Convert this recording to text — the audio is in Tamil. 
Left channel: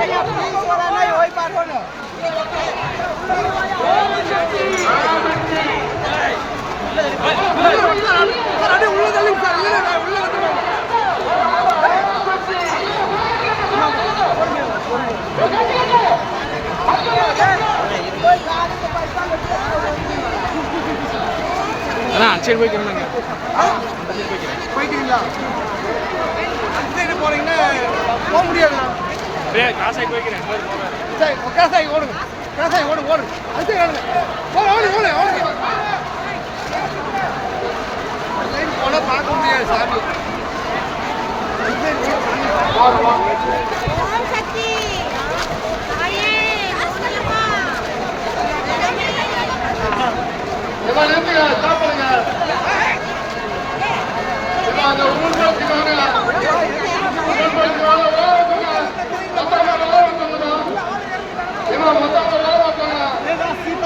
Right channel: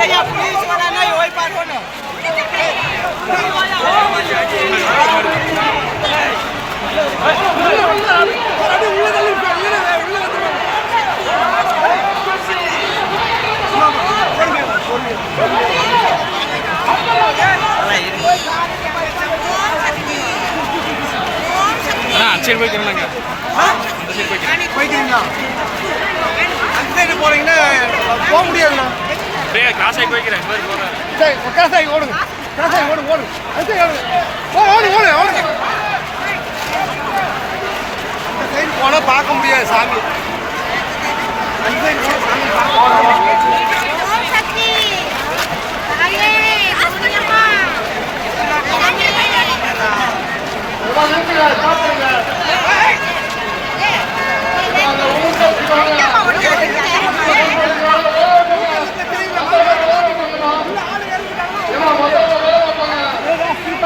भैया पुलिस போக முடியாது அப்படியே கிராஸ் ஆகி போய்க்கிறேன் பேர் போகிறேன் சரி காசாகி ஓடுங்க. காசாகி ஓடுங்க ஓடுங்க. அது ஓடுங்க ஓடு ஓடு ஓடு ஓடுங்க போனால் பார்க்க முடியாது சாமி. எவ்வளோ நேரத்தில்